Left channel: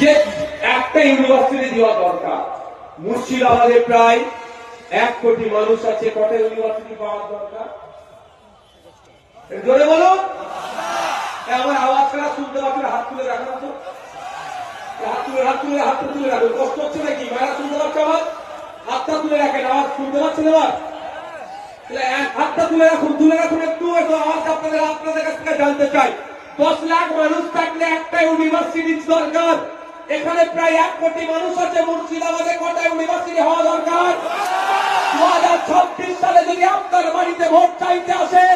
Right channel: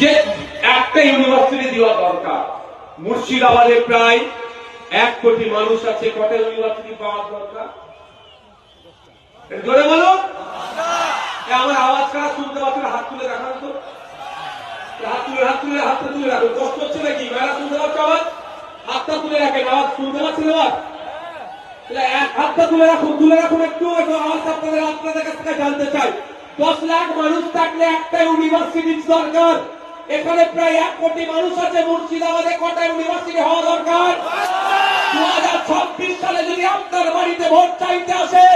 যে একটা ইউনিভার্সিটি দেওয়া দরকার। মুর্শিদাবাদে প্রায় 1 কোটি মানুষ আছে, কটা ইউনিভার্সিটি পাওয়ার দরকার? জোরে বলুন। আমার আওয়াজ কারা শুনতে পাচ্ছিল? হাত তুলে দেখানো তো, হাতটা তুলে রাখুন। কষ্ট হচ্ছে নাকি? মায়েরা শুনতে পাচ্ছ আওয়াজ? হাতটা তুলে রাখেন, আওয়াজ শুনতে পাচ্ছেন? আবার এক হাতটা তুলে রাখুন একটু আওয়াজ আপনাদের কাছ থেকে জানতে চাই। 10 লাখ মানুষ থাকলে একটা ইউনিভার্সিটির দরকার। এখানে প্রায় 1 কোটি মানুষ আছে। মুর্শিদাবাদে কটা ইউনিভার্সিটি হওয়া দরকার? 2026 সালে যদি আপনার বাড়িতে ভোট চাইতে আসে,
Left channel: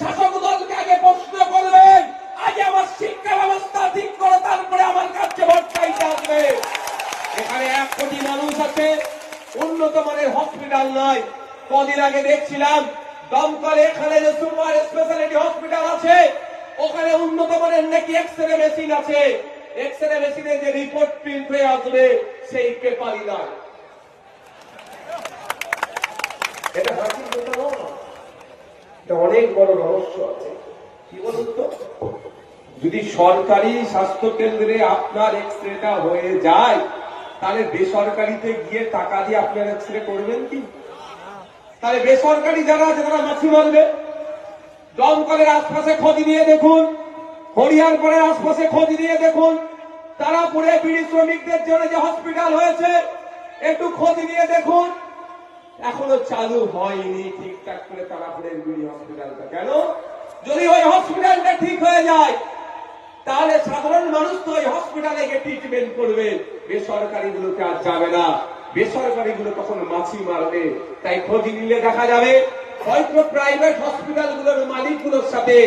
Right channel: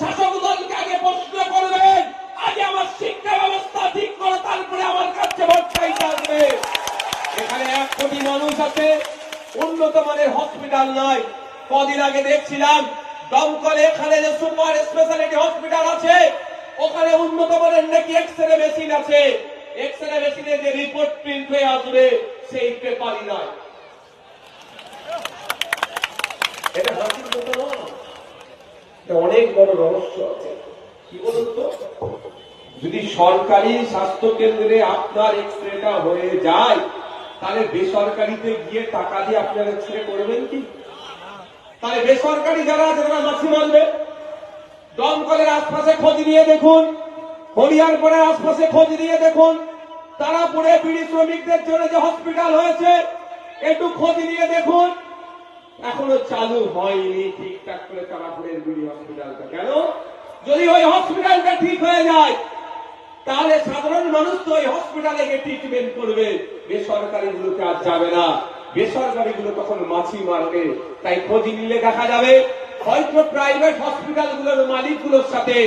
শাসক দলকে আগে প্রশ্ন করবেন, আগে আমার শিক্ষা ব্যবস্থা ঠিক করো, তারপরে আমার কাছে ভোট চাইতে আসবে। এখানে 1 কোটি মানুষ আছে, উন্নত মানের হসপিটাল নয়। কদিন আগে দেখছিলাম দমকলে এখানে যে সুপার স্পেশালিটি হসপিটাল আছে, ওখানে উন্নত মানের নাকি এক্সরে মেশিন আছে। এক্সরে মেশিনে যে রিপোর্ট প্রিন্ট হয়ে আসবে সেই পেপারই নয়। এটা অনেক বড় রহস্য আছে। কি বলুন তো, যদি সরকারি স্বাস্থ্য কেন্দ্রে আপনার এক্সরেটা হয়ে যায়, তাহলে বেসরকারিতে গিয়ে টাকা দিয়ে আপনার এক্সরে করবেন কি? তাহলে বেসরকারি যারা আছে তারা মাছি মারবে। দমকলের আশপাশে খোঁজ নিয়ে দেখুন, হরিয়ারপুরের আশপাশে খোঁজ নিয়ে দেখুন, তারাপুরে বিড়ি শ্রমিকদের জন্য যে হসপিটাল হয়েছে একটু খোঁজ নিয়ে দেখুন, এখনো চালু হয়নি ঠিকঠাক করে তারাপুরের বিড়ি হসপিটালটা। কেন? যদি ওই হসপিটালটা ঠিক হয়ে যায়, তাহলে সাধারণ মানুষ তো ওই হসপিটালে গিয়ে ট্রিটমেন্ট করবে, বেসরকারি গুলোতে আর যাবে না। বেসরকারি গুলো তখন মাছি মারবে। তাই খোঁজ নিয়ে দেখা যাবে হয়তো প্রাইভেট হসপিটাল গুলোর মালিক গুলোর সাথে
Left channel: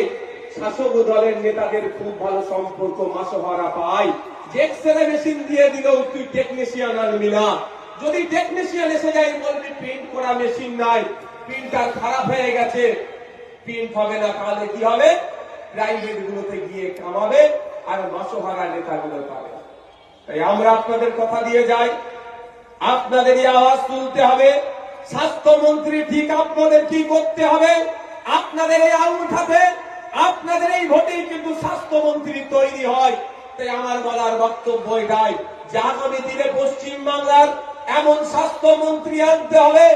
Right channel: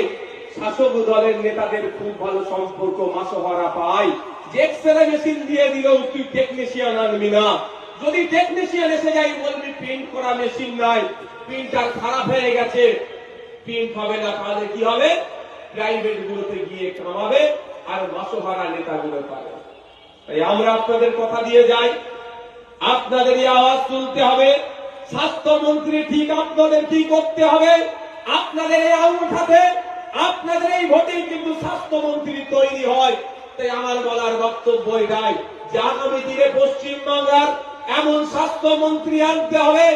শাসক দলের নেতাদের খুব ভালো সম্পর্ক, মাসোহারা পায়। যে এক্সরে মেশিন দিয়ে দিল, তুই টেকনিশিয়ান আনবি না। যদি টেকনিশিয়ান এসে যায় বলবি প্রিন্ট করা মেশিন নাই, প্রিন্টার খারাপ হয়ে গেছে, প্রিন্ট হবে না। তাহলে কি হবে? প্রাইভেট গুলোতে গিয়ে কামাবে আর মাসোহারা নেতাগুলো পাবে। তাই আমরা আপনাদের কথা দিয়ে যাই, আপনাদেরই আওয়াজ তুলতে হবে। স্বাস্থ্যমন্ত্রী ঠিক আপনাদের কি করতে হবে? আপনাদের এই আঙুঠাতে, আপনাদের এই ভোটেই কিন্তু স্বাস্থ্যমন্ত্রী তৈরি হয়। তাই আমার বলার বক্তব্য এটাই যে আগামী দিনে পশ্চিমবাংলার এমন স্বাস্থ্যমন্ত্রী আনতে হবে,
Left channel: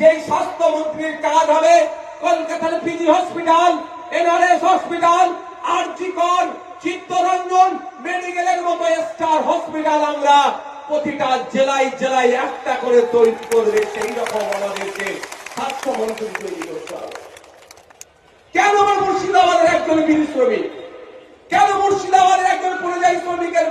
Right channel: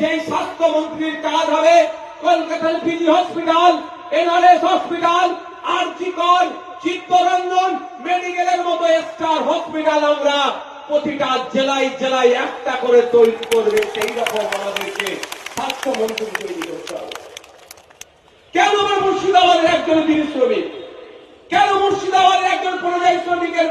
যে স্বাস্থ্যমন্ত্রীর কাজ হবে কলকাতার পিজি হসপিটাল, এনআরএস হসপিটাল, আরজি কর, চিত্তরঞ্জন মেডিকেলের মতো স্টার হসপিটাল আমরা প্রতিটা জেলায় জেলায় একটা করে তৈরি করবে। সেই রকম আমাদেরকে স্বাস্থ্যমন্ত্রী তৈরি করতে হবে। কেন আমরা মুর্শিদাবাদের একজন গিরি শ্রমিক, কেন মুর্শিদাবাদের একজন পরিযায়ী শ্রমিকের